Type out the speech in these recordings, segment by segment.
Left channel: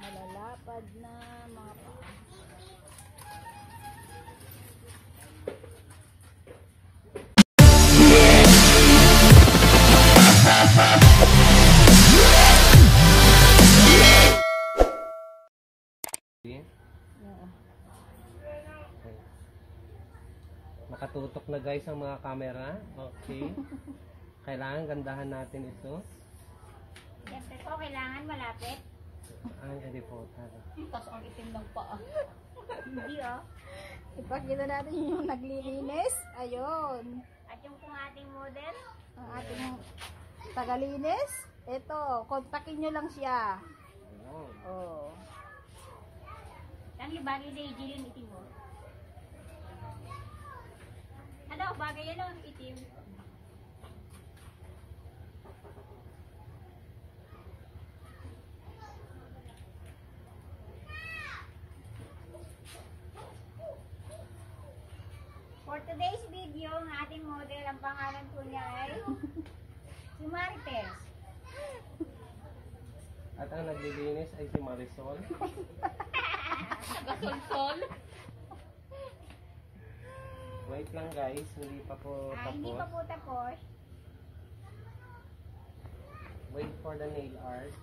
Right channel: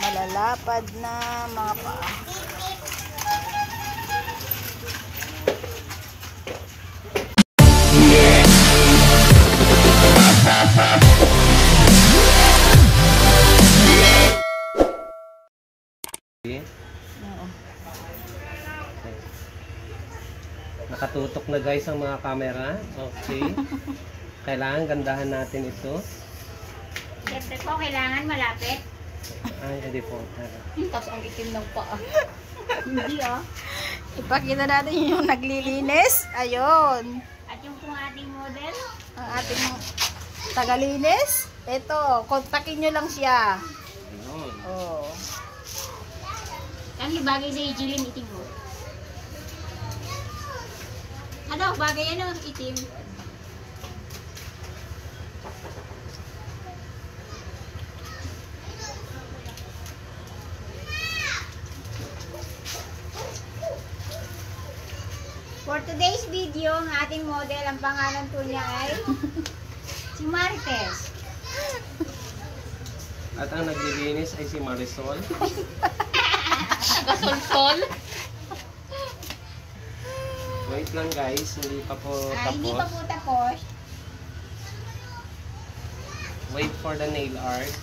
Malalapad na mga paa. Nakatutok na guys ang mga camera. Okay. Kailangan gandahan natin ito. Siyempre po, kailangan malapit. Ay, hindi po. Tapos ang itim ng paa. Hindi ah. Ipakita natin yung naglilinis. Ayun. At yung pong ating model. Ang ating tagalinis. Ito, kontakin nyo lang siya. Ayun. Oh. Ang bagay sa Jillian itim mo. Ano, bagay ano, itim. For today's video, ang ating model, ang pangalan po niya ay si Marites. At ang naglilinis ay si Marisol. Gasol-sol. Wait lang guys, hindi pa po Hindi pa tapos. po tapos. Wait for the nail art.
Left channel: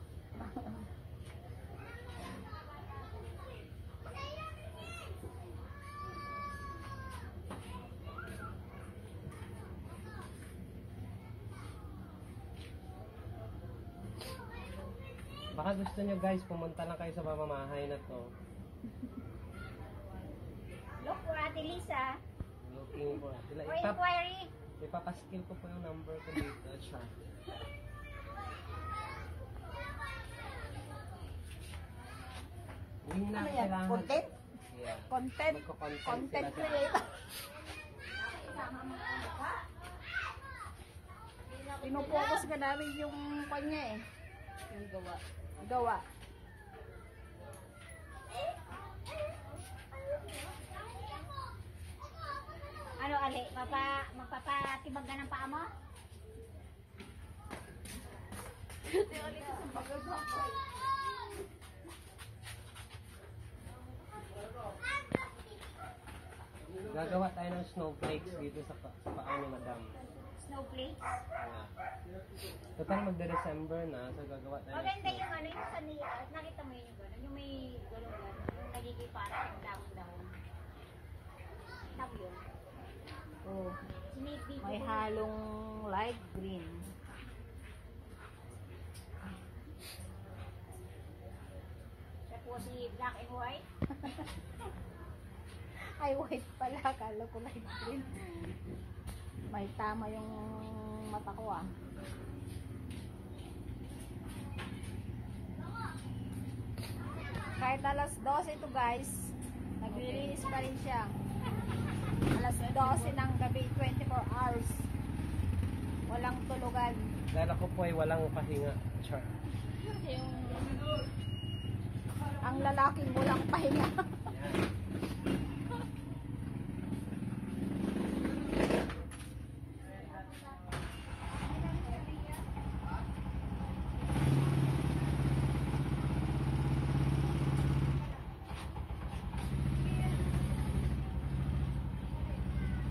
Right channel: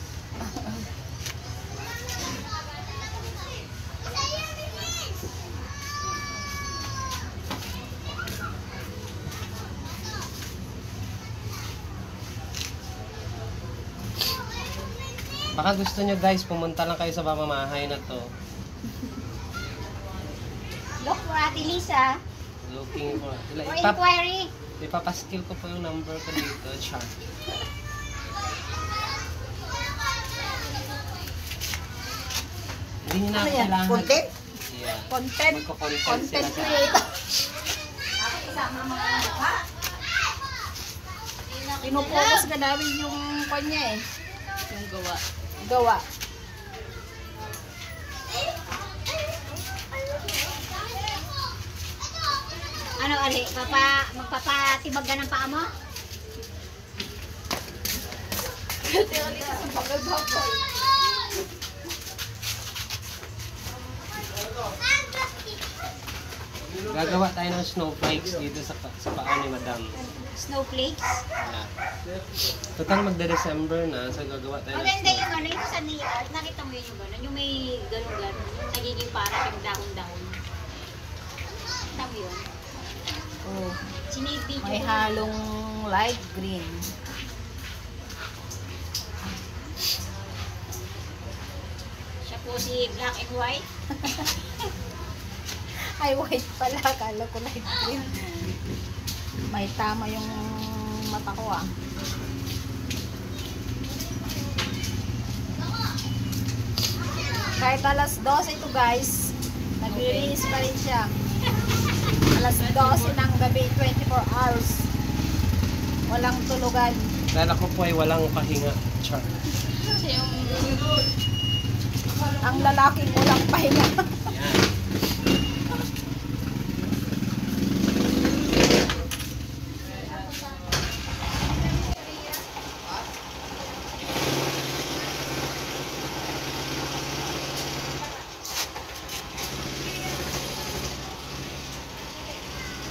Baka gusto nyo guys, pumunta lang kayo sa pamamahay na to. Look for Ate Lisa. Looking for... For inquiry. Ipapaskill ko po yung number ko dito. Char. Hindi nyo na Ano yan? kailangan. Content? Yeah. Content? Magko-content Content sila sa... creator. Pinupokus ka namin yung kanya eh. Yung gawa. Gawa. Ano, Ali? Magpapatibag ka ng paa mo? Gagawa tayo ng snowflakes dito sa paa ni Madam. Snowflakes? Yeah. Total magde-December na, so gagawa tayo ng Maganda yung snow. ano, yung sa nail art. Nakita mo yun yung gano'n? Yung may gano'n-gano'n. Nagiging para yung dahon-dahon. Tama yun. Oh, Sinibidyo may ko. halong light green. Siya po si black and white. Ay, white pala. Akala ko light green. May tama yung mata ko ah. Kahit alas 12 ito guys, naglilinis pa rin siya. Alas 12 ng gabi, 24 hours. Walang tulugan. Kala ko po ay walang pahinga. Char. Ang lalaking walang pahinga. Yan.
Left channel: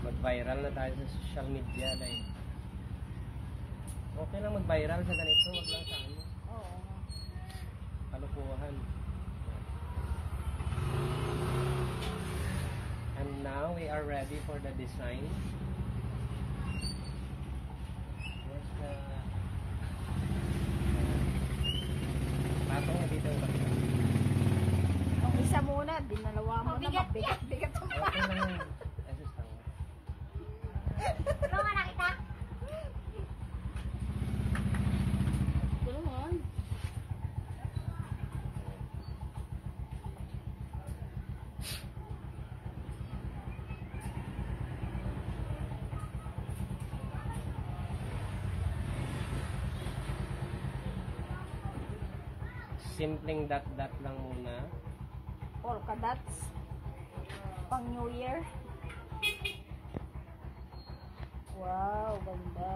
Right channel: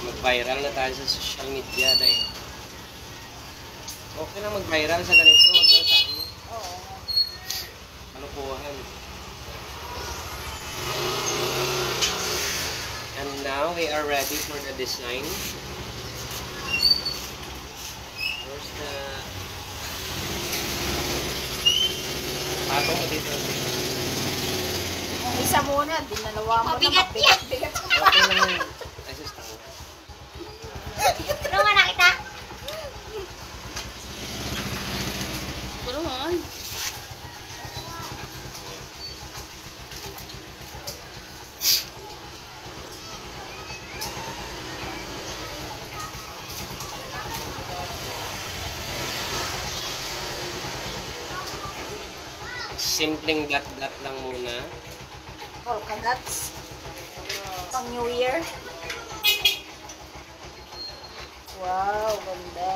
Mag-viral na tayo sa social media dahil okay lang mag-viral sa ganito, wag lang sa ano. Oo. Kalukuhan. And now we are ready for the design. Where's the... Patong ko dito. Ang isa muna, dinalawa mo Mabigat na. yan. Bigat. Okay lang yun. Ay, sus, tanga. Tulungan na kita. Tulungan. Simpleng dot-dot lang muna. Polka dots. Pang New Year. Wow, ganda.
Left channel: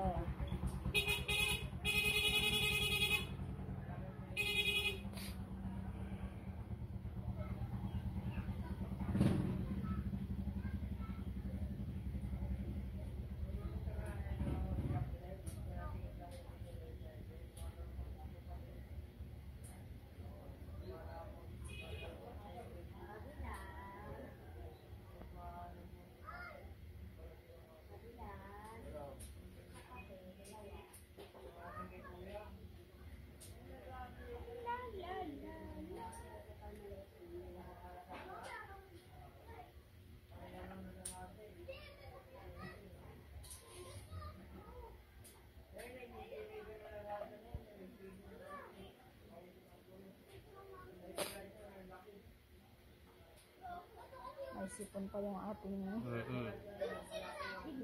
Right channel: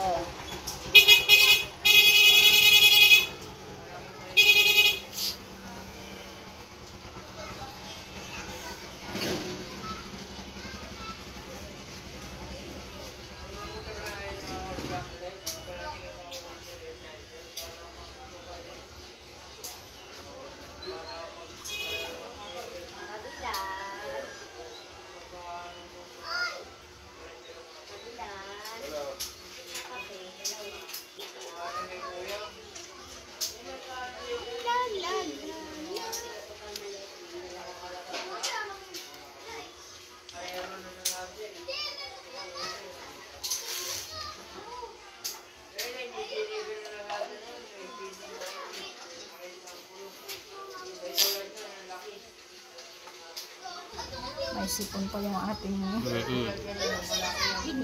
may sipon pa yung ating With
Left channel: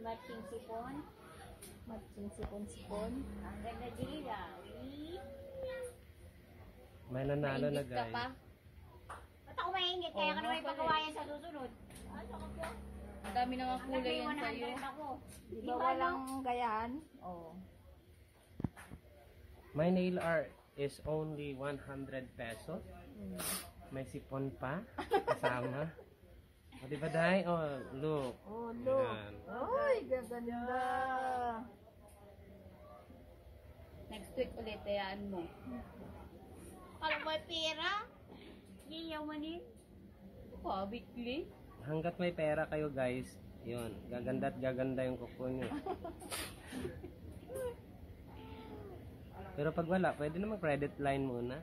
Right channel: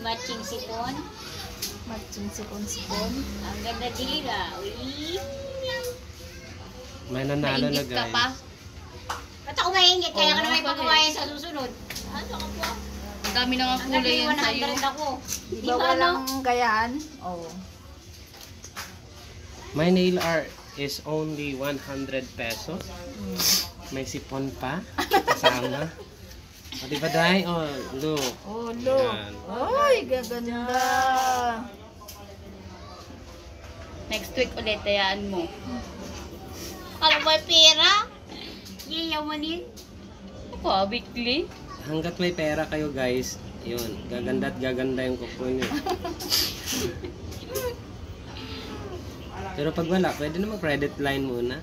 matching sipon. matching sipon. Ang ganda dila. Uy. May nanalo na Nainggit ka guys. pa. Ba't ako maingit? Kaya Oo, ka naman bakit? ipagawain sa susunod. Ano ka po? Ang dami na nga Ang kulay ganda yan sa'yo. 100 ako. Di Di ba ba walang ano? gayaan? Oo. My nail art is only 100 pesos. May sipon pa. Kasama. O, diba, Day? Oh, look. Oh, look. Yan. Ay, gaganda. Next week ulit, tayaan mo. Alam mo, pera? Yayamanin. Pa, weekly? Hanggat may pera kayo guys, yun, gaganda at gaganda yung kuko nyo. Pero pag wala, pwede naman credit line muna.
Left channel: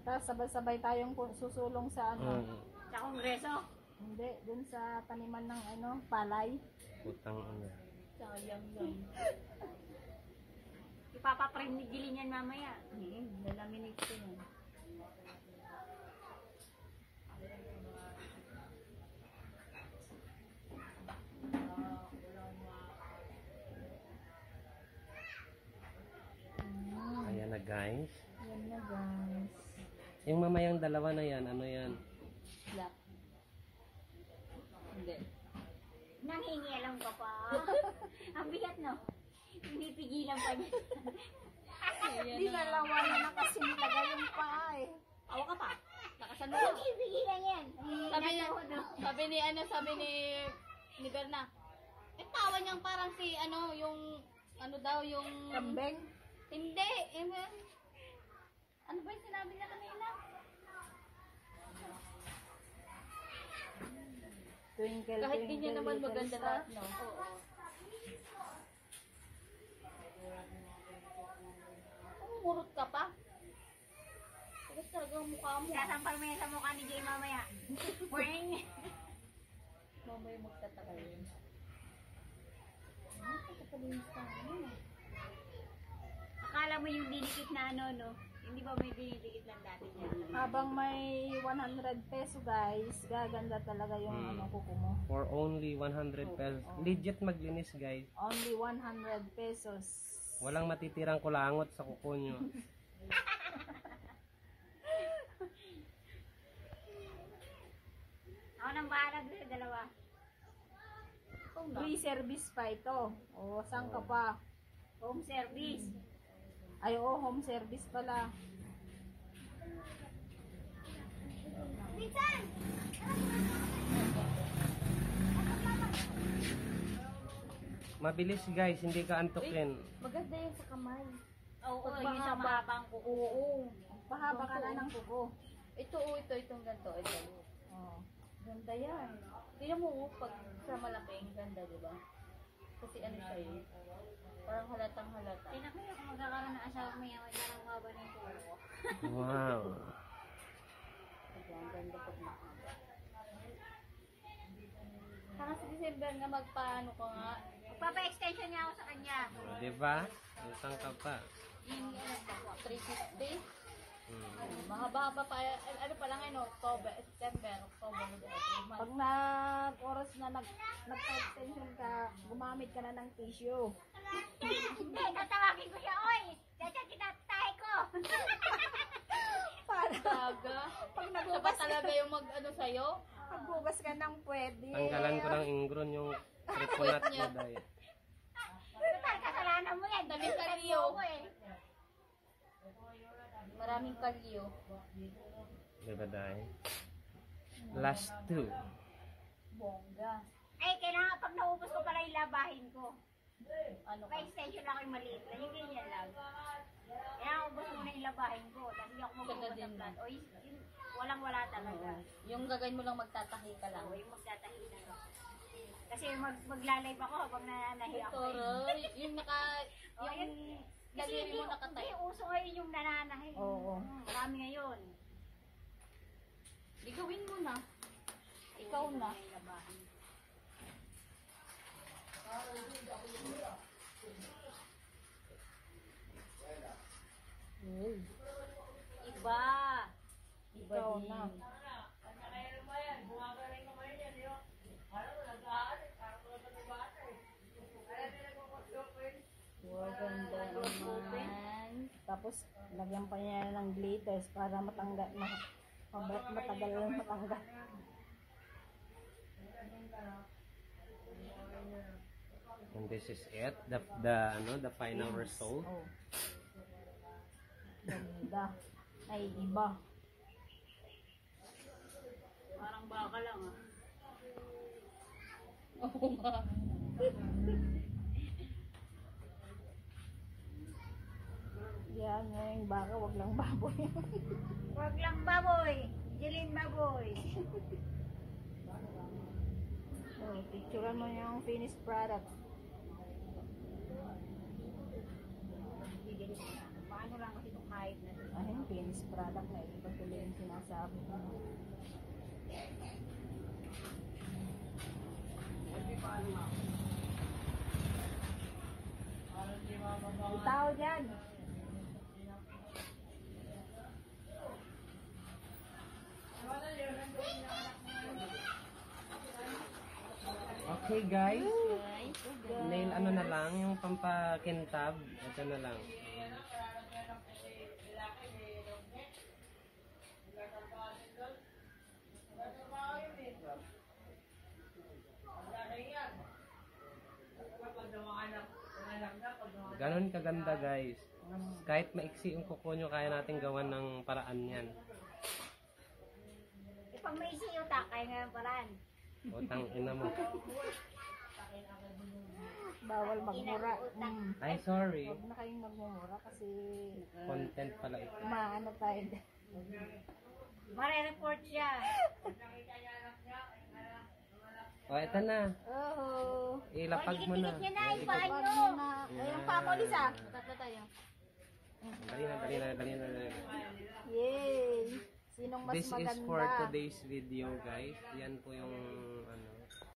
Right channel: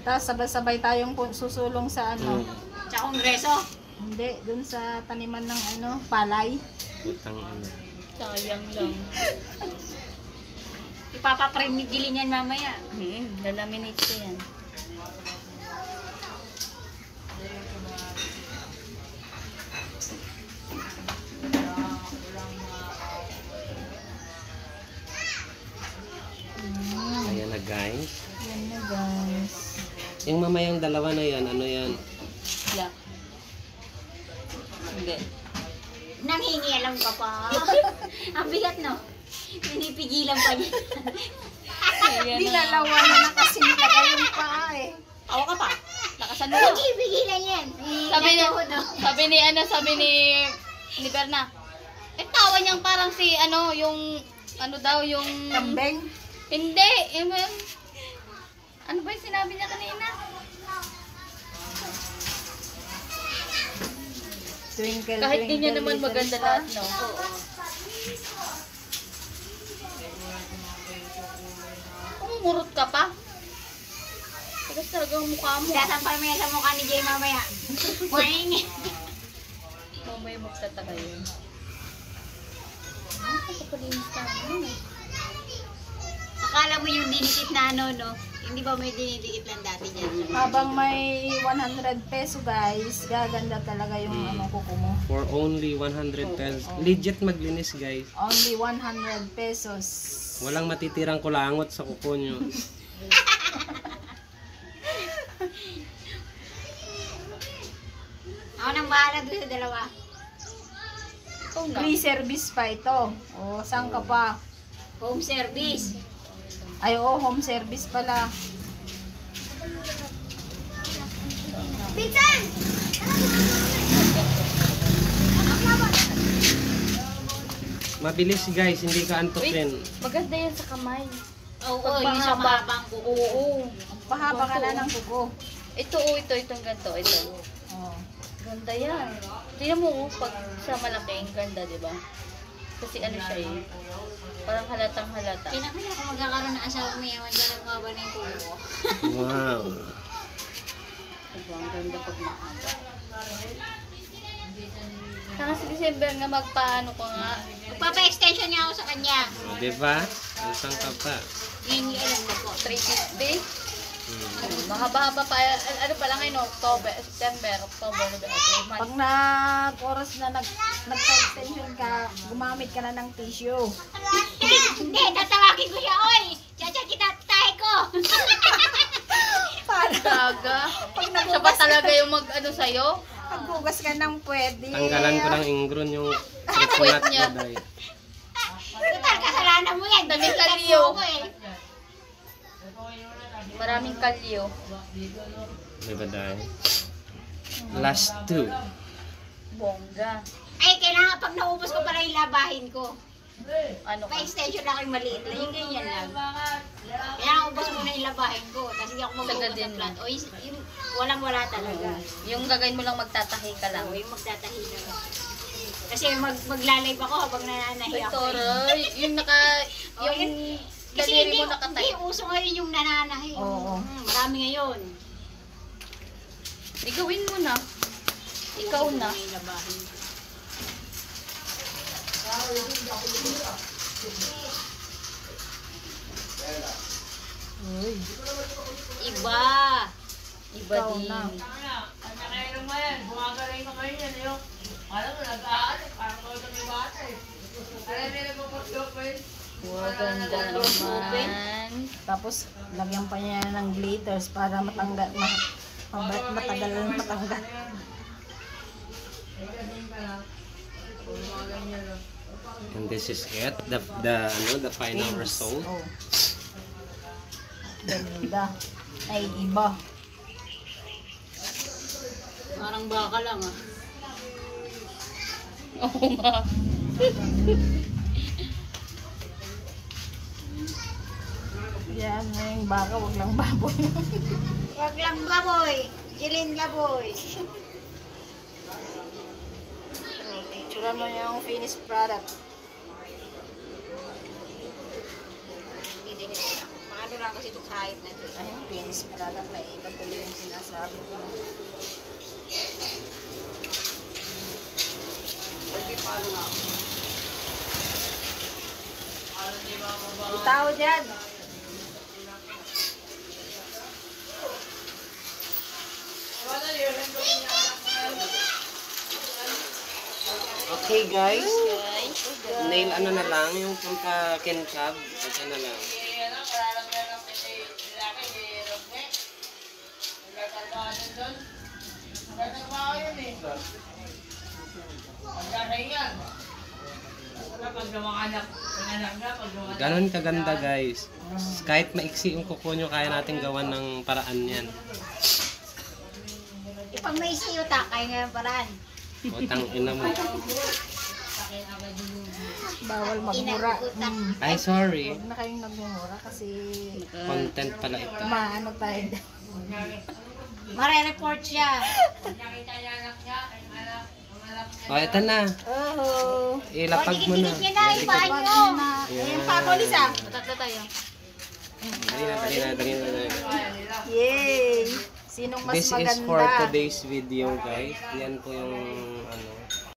Tapos sabay-sabay tayong susulong sa ano. Sa kongreso. Hindi, dun sa taniman ng ano, palay. Utang ano. Sayang lang. Ipapapremit gilin yan mamaya. Lalaminate ko yan. Ayan na guys. Yan na guys. Yung mamayang dalawa na yan, ano yan? Black. Hindi. Nanghingi alam ka pa. Ang bigat, no? Pinipigilan pa niya. Nilalawanan na kasi nilagay yung paa eh. Awa ka pa. Lakasan mo na. Pinipigilan yan. Sabi ni Berna. Eh, tawa niyang parang si, ano, yung, ano daw, yung... Kambeng. Hindi. Yung, ano ba yung sinabi niya kanina? Twinkle, Kahit di niya twinkle, naman little maganda star. lahat, no? Umurot ka pa. Tigas talaga ang mukha mo. Sasampal mo yan sa mukha ni Jay mamaya. Boing! May magtataka yun. Ah, kapalinis ka naman. Akala mo yung dinikit na ano, no? Hindi ba may dinidikit lang dati dyan? Habang may 100 peso guys, gaganda talaga yung ano kuko mo. For only 100 pesos. Legit maglinis guys. Only 100 pesos. Walang matitirang kulangot sa kuko nyo. Ako nang bahala doon sa dalawa. Ikaw na. Free service pa ito. O, saan ka pa? Home service. Ay, oo, home service pala. Pinsan! Mabilis guys, hindi ka antukin. Maganda yan sa kamay. Oo, Pag yung sa mahaba. mapang kuko. Oo. Pahaba ka na ng kuko. Itong ganito, ito. Oh. Ganda yan. Tingnan mo, pag sa malaki, ang ganda, di ba? Kasi ano siya eh. Parang halatang halata. Kinakaya ko magkakaroon ng asawa mo yaman dyan ang maba na yung kuko. Wow. Diba, ang ganda pag mahaba. Saka sa December nga magpaano ko nga. Magpapa-extension niya ako sa kanya. O, diba? Utang ka pa. Yun yung alam ko. 350. Mahaba-haba pa. Ano pa lang ngayon, October, September, October, November, 3 months. Pag nag-oras na nagpa-extension ka, gumamit ka na ng tissue. Hindi, tatawagin ko siya. Oy! Chacha, kita tayo ko! Para Talaga. pag Siya ba nagugas ka, talaga yung mag-ano sa'yo? paghugas ka ng pwede. Tanggalan ko ng ingron yung Puwet tripnat niya. ko dahil. Total, kasalanan mo yan. Daming Sikat kalyo. mo ako eh. Maraming kalyo. Diba dahil? Last two. Bongga. Ay, kailangan pag naubos ko pala yung labahin ko. Ano ka? Pa-extension lang yung maliit lang. Yung ganyan lang. Kaya naubos muna yung labahin ko. Tapos hindi ako Sagad magbubukas din ng plant. O yung walang-wala talaga. Yung gagawin mo lang magtatahi ka lang. O yung magtatahi na lang. Kasi maglalive ako habang nananahi Ay, ako. Toroy. Yung naka... O, Yung Kasi daliri hindi, mo nakatahi. hindi uso ngayon yung nananahi. Oo. Marami ngayon. Igawin mo na. Ikaw na. Yung labahin. Uy, Iba. Iba Ikaw din. na. Wow, ganda naman. Tapos, lagyan pa niya ng glitters para matanggal, matagal matanggal. And this is it, the final result. Oh. Ganda. Ay, iba. Parang baka lang ah. Oo nga. Yan, yung baka, wag lang baboy. Wag lang baboy. Jilin baboy. So, picturean mo yung finished product. Paano lang kasi ito kahit na ito. Ayun, finished product na iba tuloy yung sinasabi ko. Itaw dyan. Okay guys, nail ano na lang, yung pampa-kintab, ito na lang. Ganon kaganda guys. Kahit maiksi yung kuko nyo, kaya natin gawan ng paraan yan. Ipang may siyo takay nga yung paraan. Utang ina mo. Bawal magmura. Ay, sorry. Huwag na kayong nagmumura kasi Content pala ito. maano tayo. Mare-report siya. O, ito na. Oh. Ilapag mo na. Dikit-dikit niya na, ibahan Pag nyo. na, ayun pa ako, Lisa. Tatlo tayo. Dali na. Yay! Sinong mas This maganda? is for today's video guys. Yan po yung ano.